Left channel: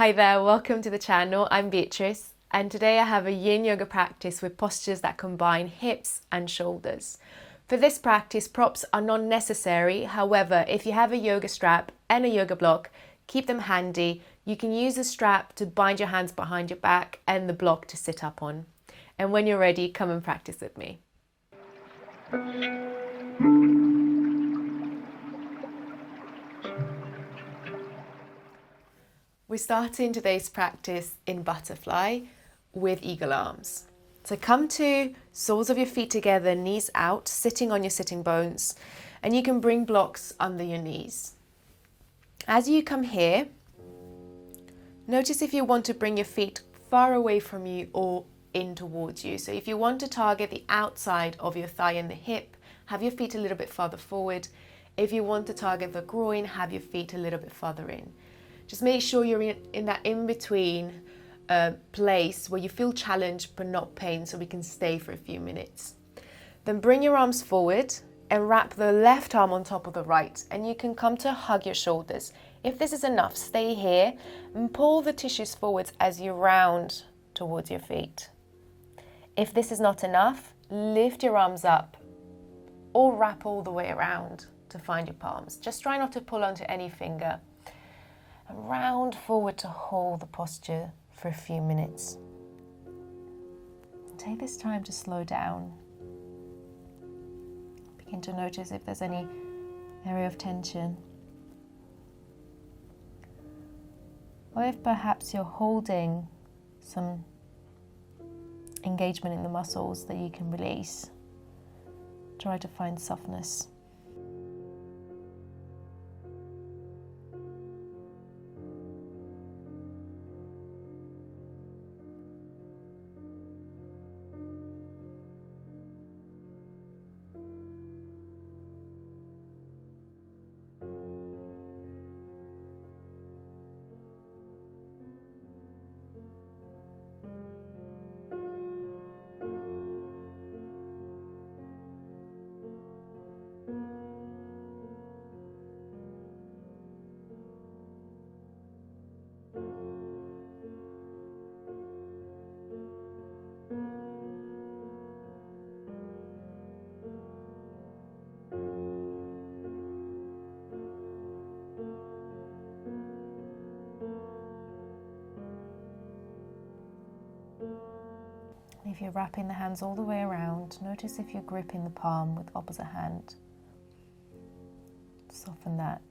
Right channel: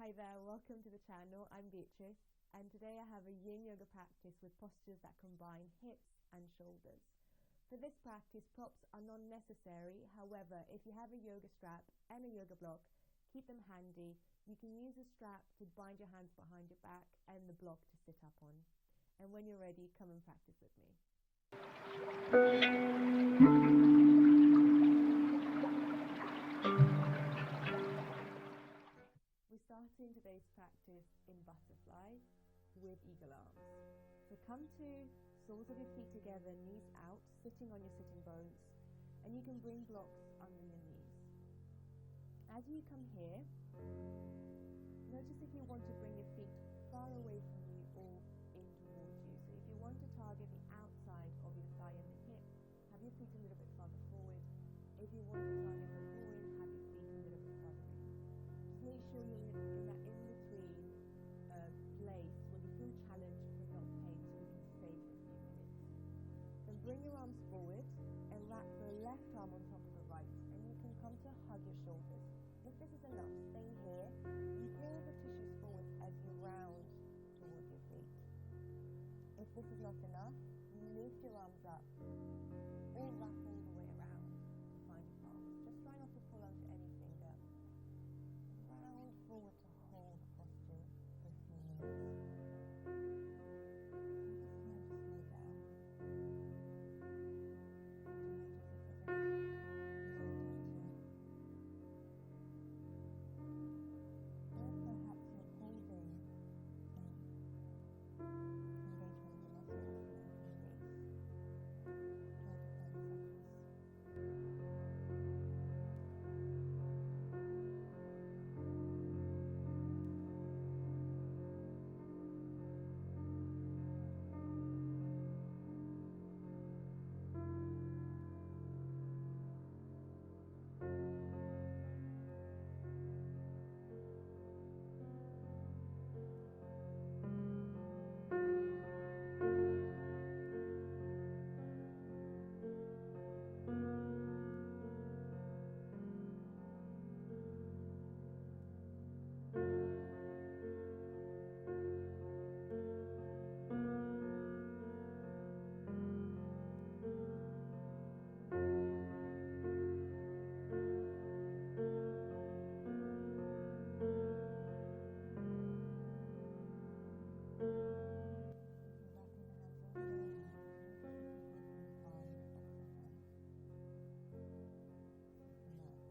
Hi there, welcome to the channel. I'm Beatrice, and today I have a Yin Yoga practice with postures that combine hips and shoulders. For this practice, props are not necessary. However, if you have a yoga strap and a yoga block, keep them handy. You can use the strap to bind your hands behind your back and the block to sit up on. And when you're ready, come and practice with me. We're starting today's practice in butterfly with eagle arms. So come to soles of your feet together, knees out, sitting on your sitting bones, and you can bring blocks under your knees. As you come here, notice if you want to bring your feet far away from you or in towards you. So if you want to target the outside of your thigh and the hip, have your feet a little bit further forward. If you want to target the groin, have your feet a little bit further in. Just make sure you're in that in-between place where you feel challenged but not pain, so we can stay for a few minutes. Then bring your arms forward and wrap the left arm on top of the right, and you can come to hug your shoulders. If this is enough, stay here and pull the tissues forwards as you round towards your feet. If this is not enough, lift your arms up or wrap all the way around to find your palms. Just try not to pull onto any finger. And round forward to hold the posture for a few minutes. Take this time to slow down. Begin to notice if there's any area of tension. Or if perhaps you're holding some engagement in the muscles that you can release. Try to find softness. If you're wrapping the hands all the way around, notice if you're gripping the palm with opposite hand. Soften that.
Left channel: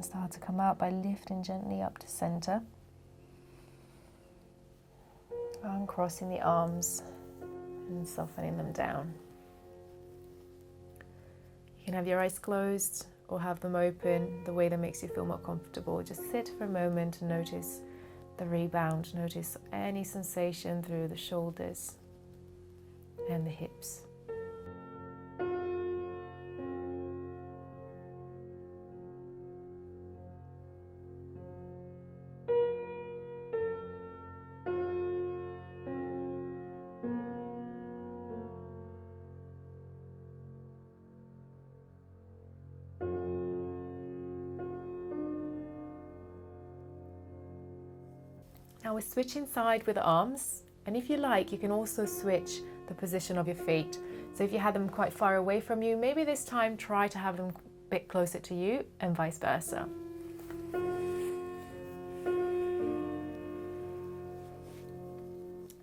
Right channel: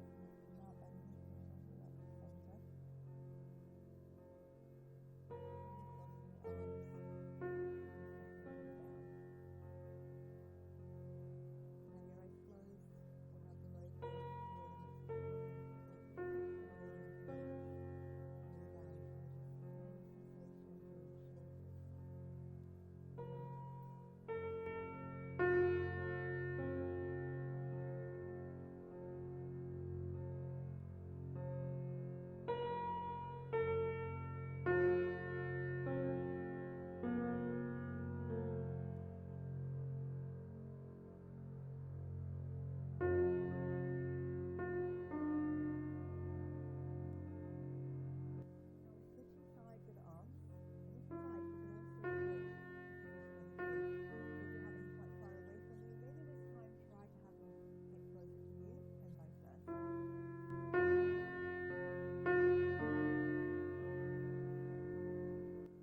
Start to come out by lifting gently up to center. Uncrossing the arms and softening them down. You can have your eyes closed or have them open, the way that makes you feel more comfortable. Just sit for a moment and notice the rebound. Notice any sensation through the shoulders and the hips. Now we're switching side with the arms, And if you like, you can also switch the position of your feet. So if you had them quite far away from you, maybe this time try to have them a bit closer to you and vice versa.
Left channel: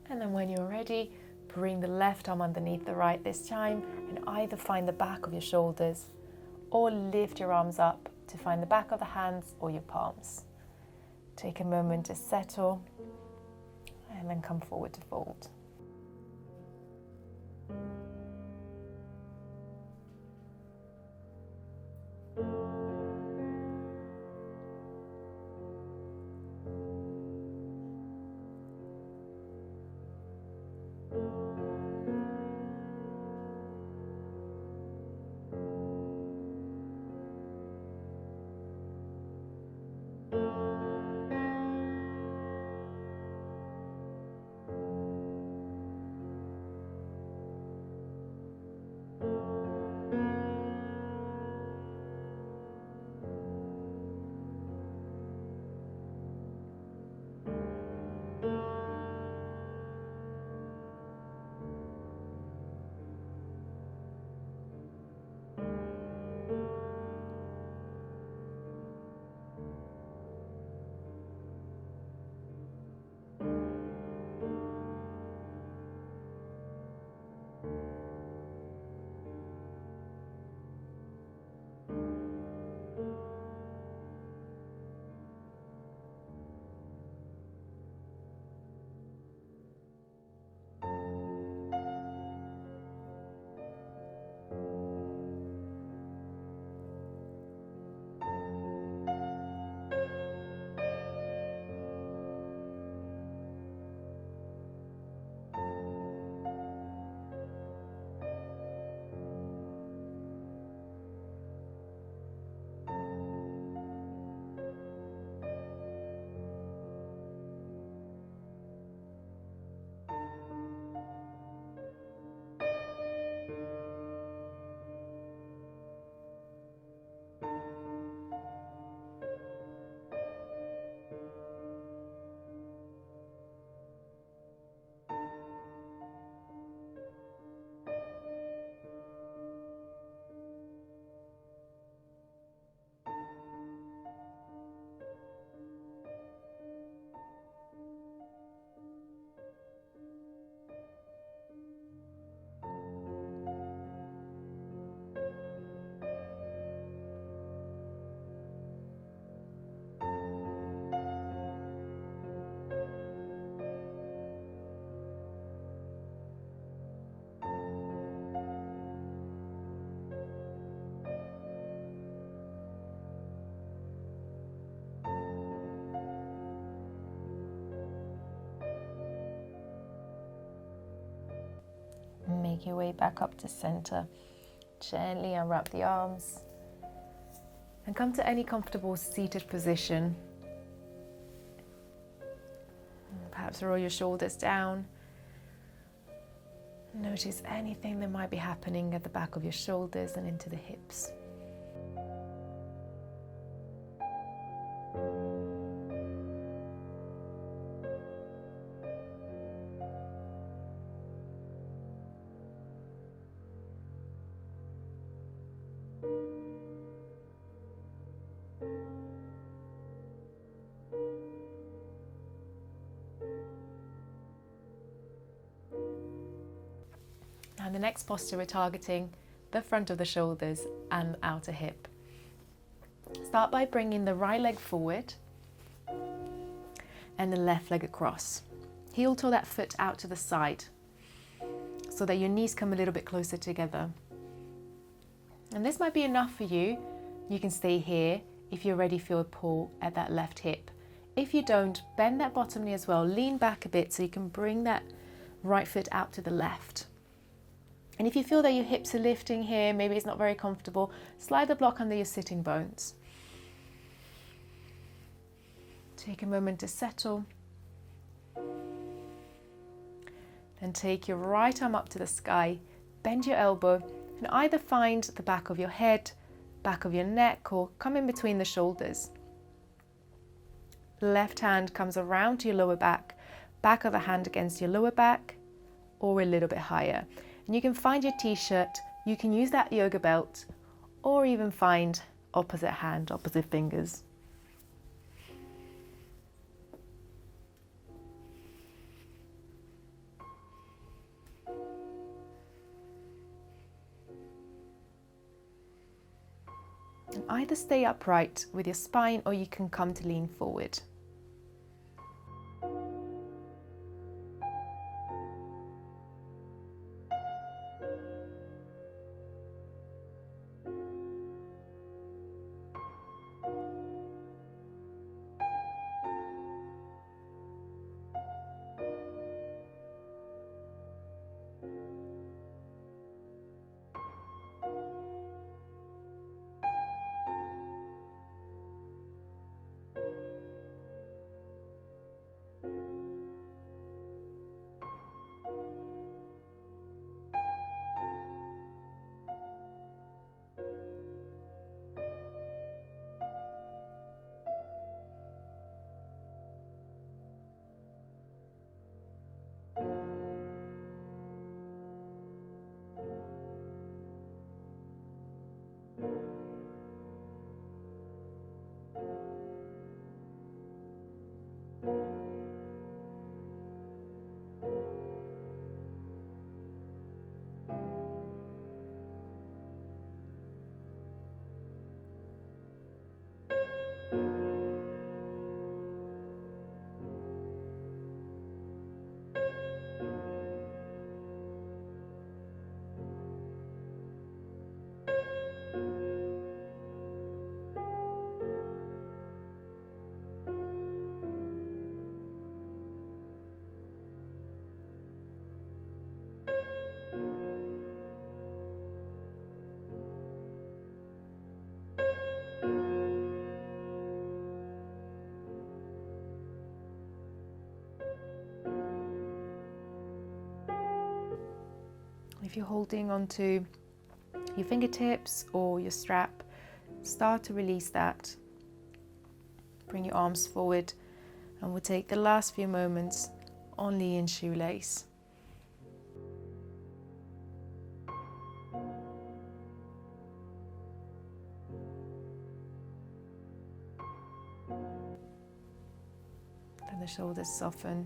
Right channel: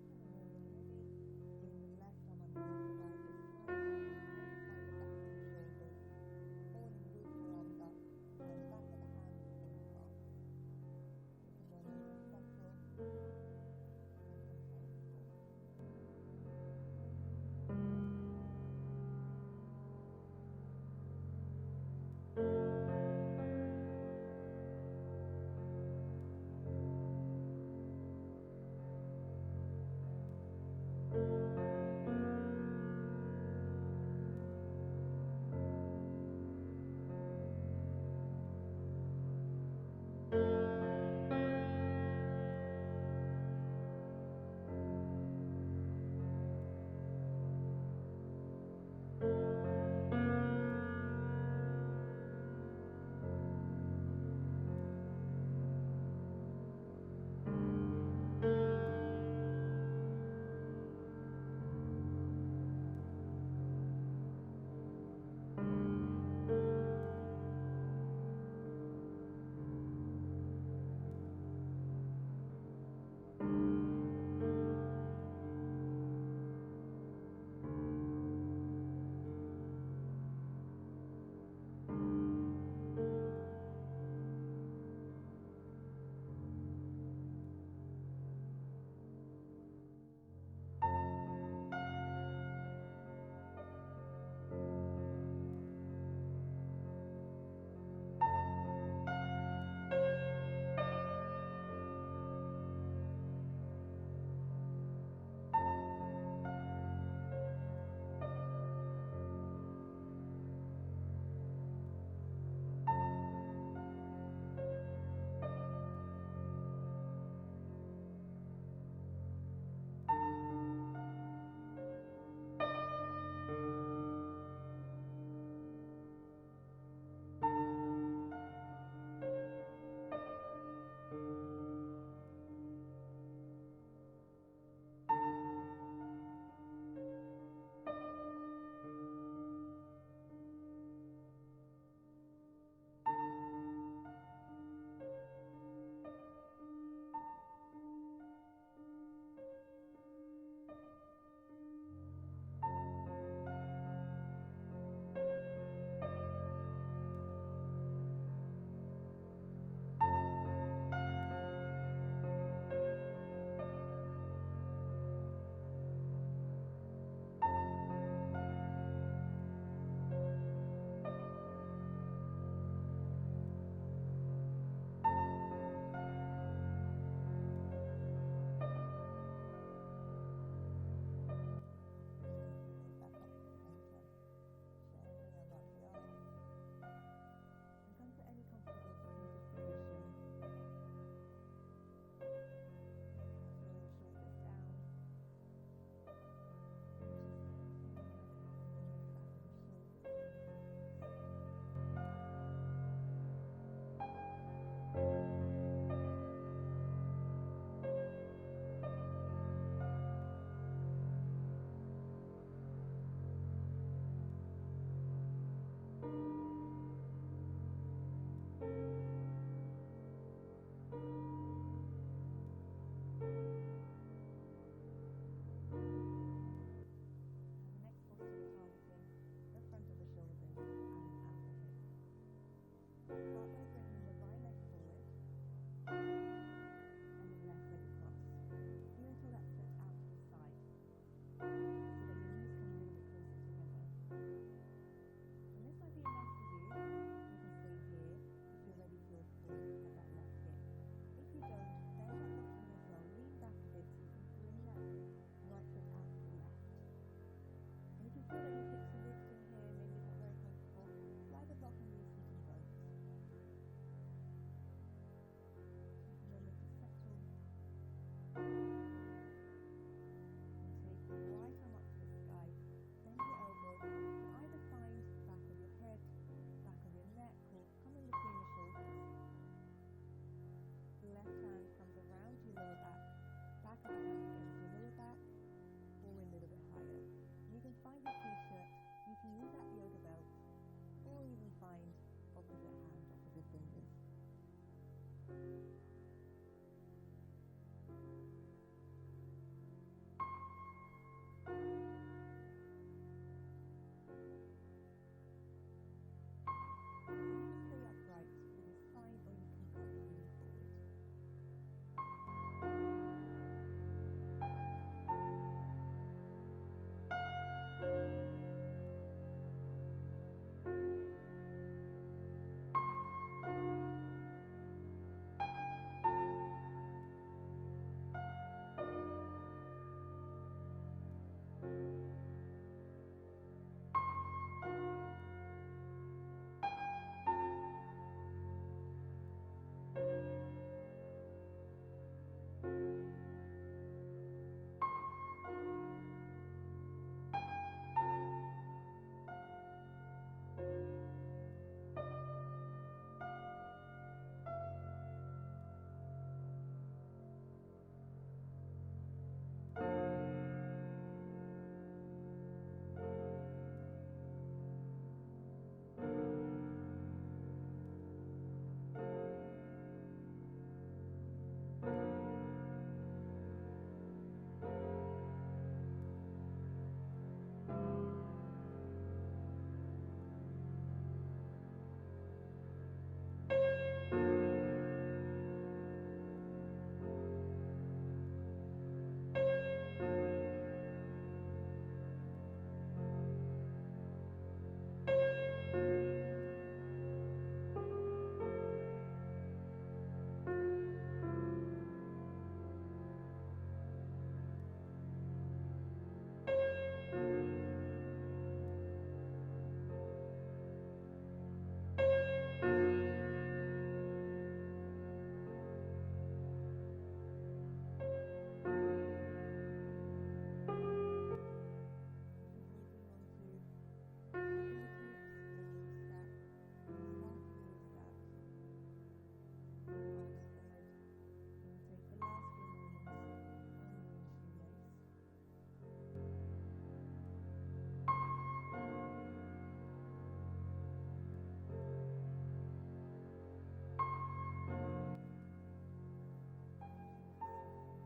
And then when you're ready, bring the left arm underneath the right this time and either find the back of your shoulders or lift your arms up to find the back of the hands or your palms. Take a moment to settle and then come forward to fold. Make your way back up to center. Gently unwrap the arms and come to any comfortable seated position. Perhaps roll your shoulders down. Notice anything that might be happening at the back of your shoulders and into the hips. And the next posture, we're targeting the front of the shoulders and outer hip. Start by bringing the right leg forward and the left leg across. Heel toe that foot out to the side so that your knees come a little bit closer together. And this might be enough for you. You can stay here if you already feel a pull at that left hip. If you don't, bend that bottom knee as well. Lean back a bit so you can bring that right foot out to the left. And if you feel that your hips are lifting here, maybe it's not very comfortable, slide the block under your sitting bones. Take a moment to settle. Then take your right arm up to the sky, bend your elbow, and either find the back of your head, back of your neck, or come in between the shoulders. The left hand comes around to your lower back, back of a hand against your lower back or a little bit higher. And you can find your t-shirt, you can use that yoga belt, or even find opposite hand, opposite fingers. And either stay upright with your spine or you can come to lean forward. If you're holding onto your fingertips or your strap, start to release that. Bring your arms forward, and we'll take the last few moments only in shoelace. Let the shoulders soften.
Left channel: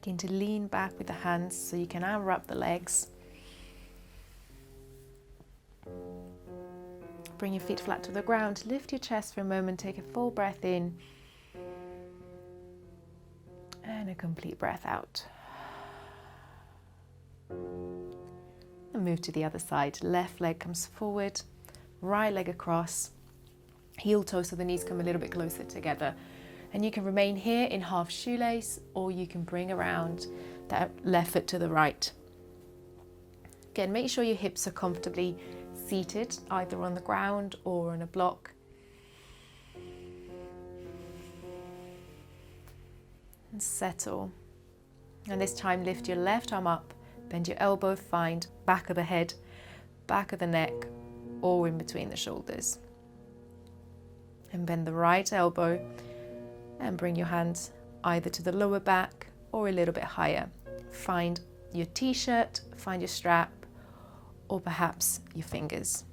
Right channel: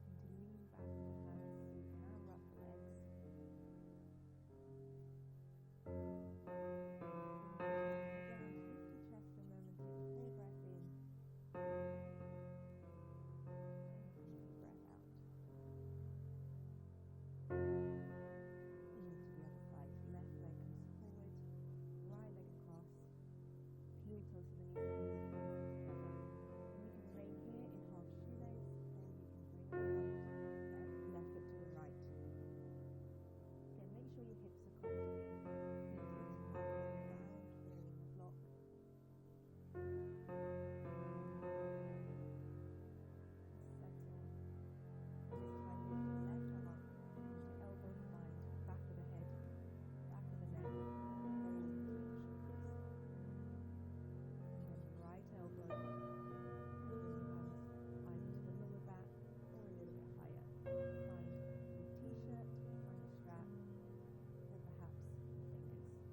Begin to lean back with the hands so you can unwrap the legs. Bring your feet flat to the ground. Lift your chest for a moment. Take a full breath in. And a complete breath out. And move to the other side. Left leg comes forward. Right leg across. Heel toes so the knees come a little bit closer together. And you can remain here in half shoelace, or you can bring around that left foot to the right. Again, make sure your hips are comfortably seated, either on the ground or on a block. And settle. And this time lift your left arm up, bend your elbow, find back of the head, back of the neck, or in between the shoulders. And bend the right elbow and bring your hands either to the lower back or a little bit higher. Find your t-shirt, find your strap, or perhaps your fingers.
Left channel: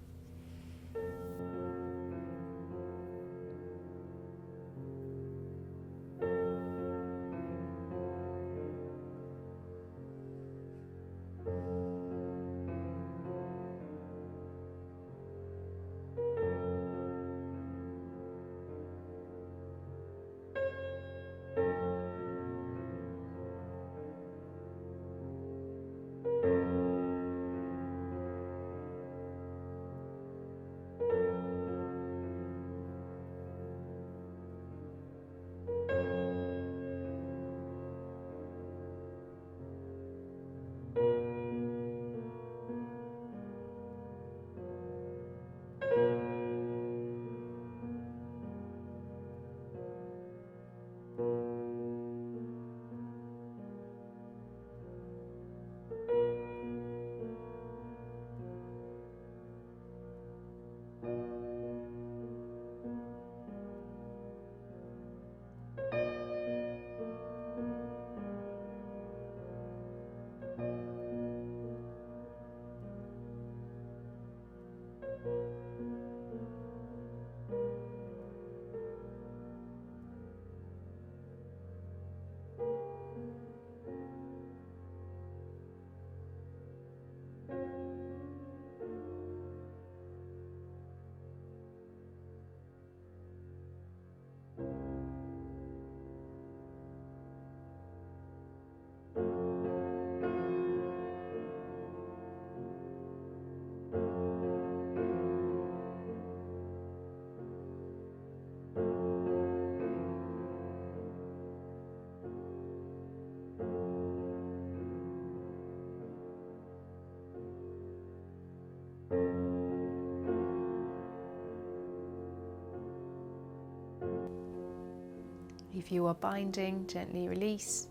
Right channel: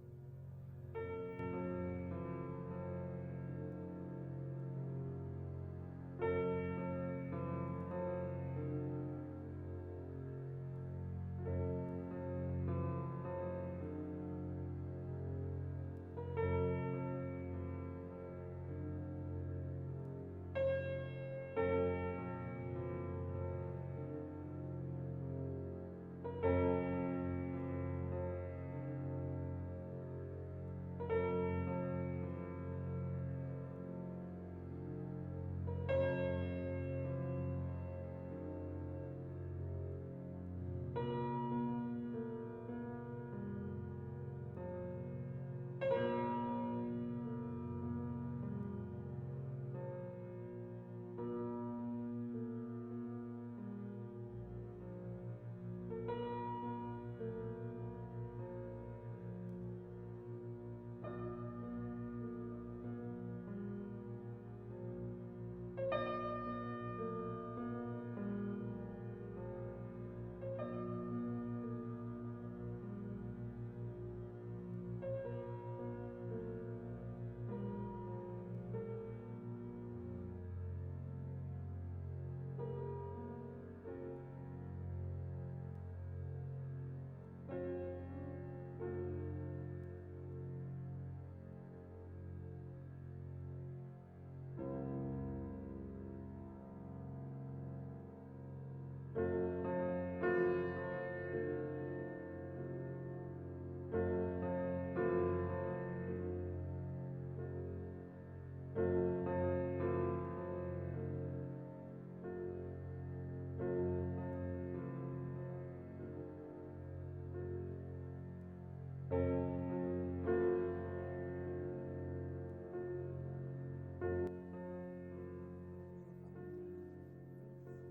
If you are binding, gently release.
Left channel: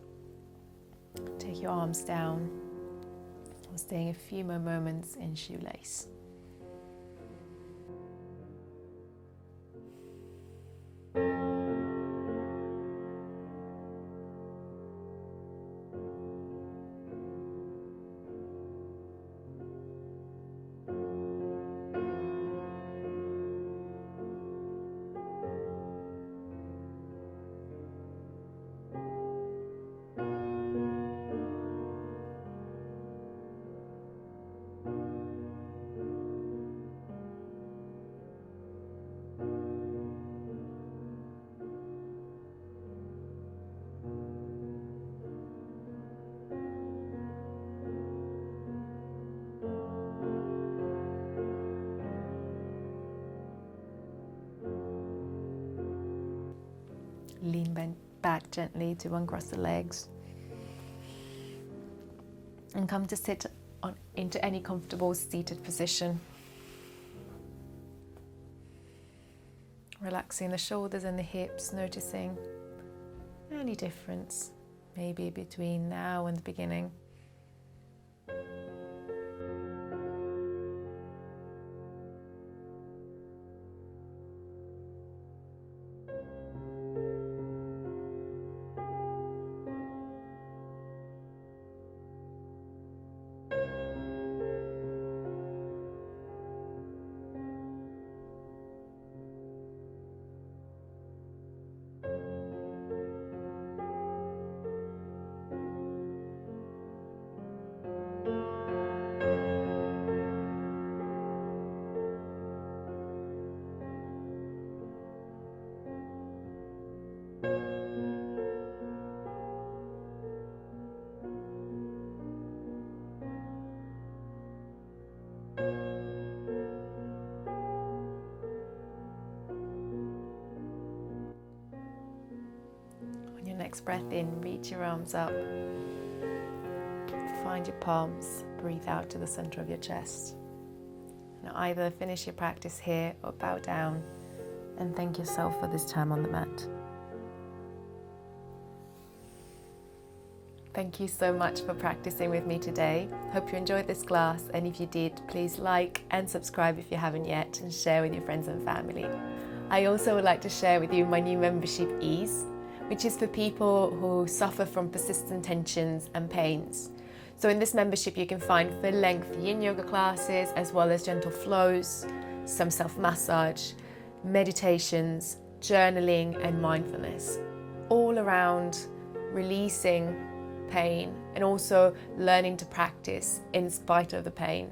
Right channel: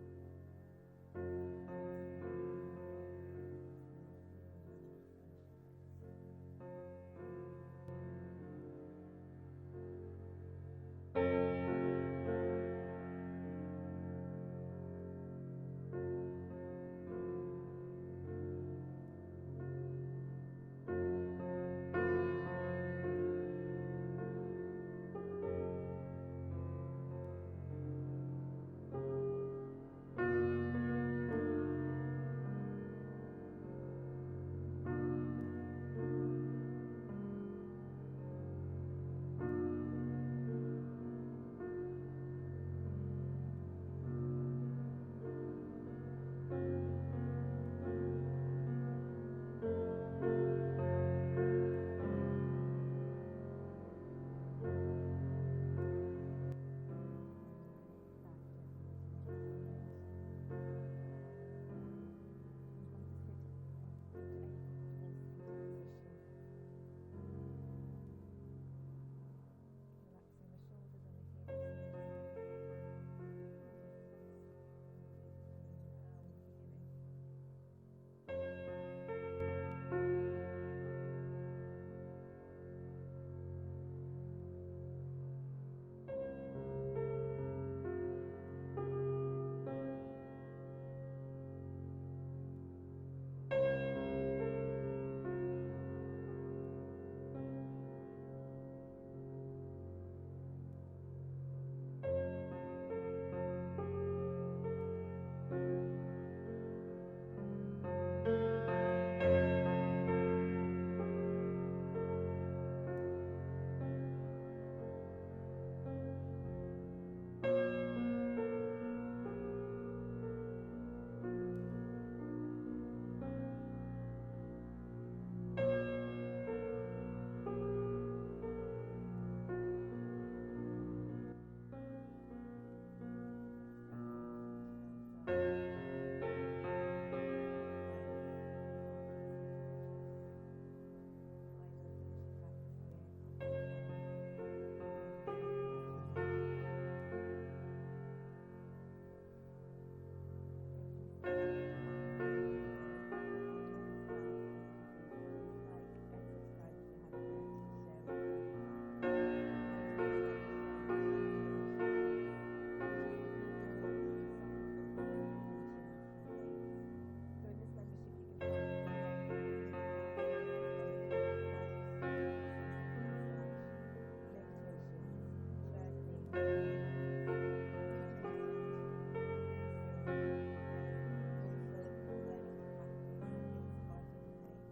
Take your arms down, staying a few more moments in shoelace. Lean back gently to uncross the legs and come to sit into any comfortable seated position. Relaxing the shoulders and the hips, noticing any difference maybe between now and the beginning. Breath in, reach your arms up, find your palms, breathe out to the center of your chest. Now either finish your practice here or bow down and thank yourself for this time on the mat. Thank you so much for practicing with me today. Hope you enjoyed this class, and if you did, please like and subscribe if you haven't yet, and share with your friends and family. I also would like to share with you my new membership, Ease, which is for people who suffer from persistent tensions and pains. So in this membership you can find full-length Yin Yoga classes, as well as gentle flows, some self-massage, meditations, journaling and mindfulness, all around releasing pain and also learning to practice in spite of the pain.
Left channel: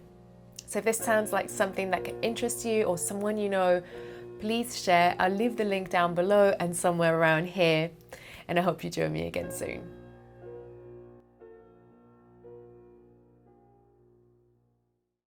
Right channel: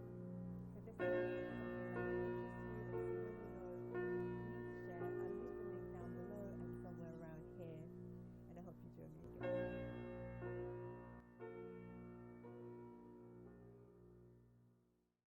So if this sounds like something that can interest you or someone you know, please share. I'll leave the link down below and somewhere around here. And I hope you join me again soon.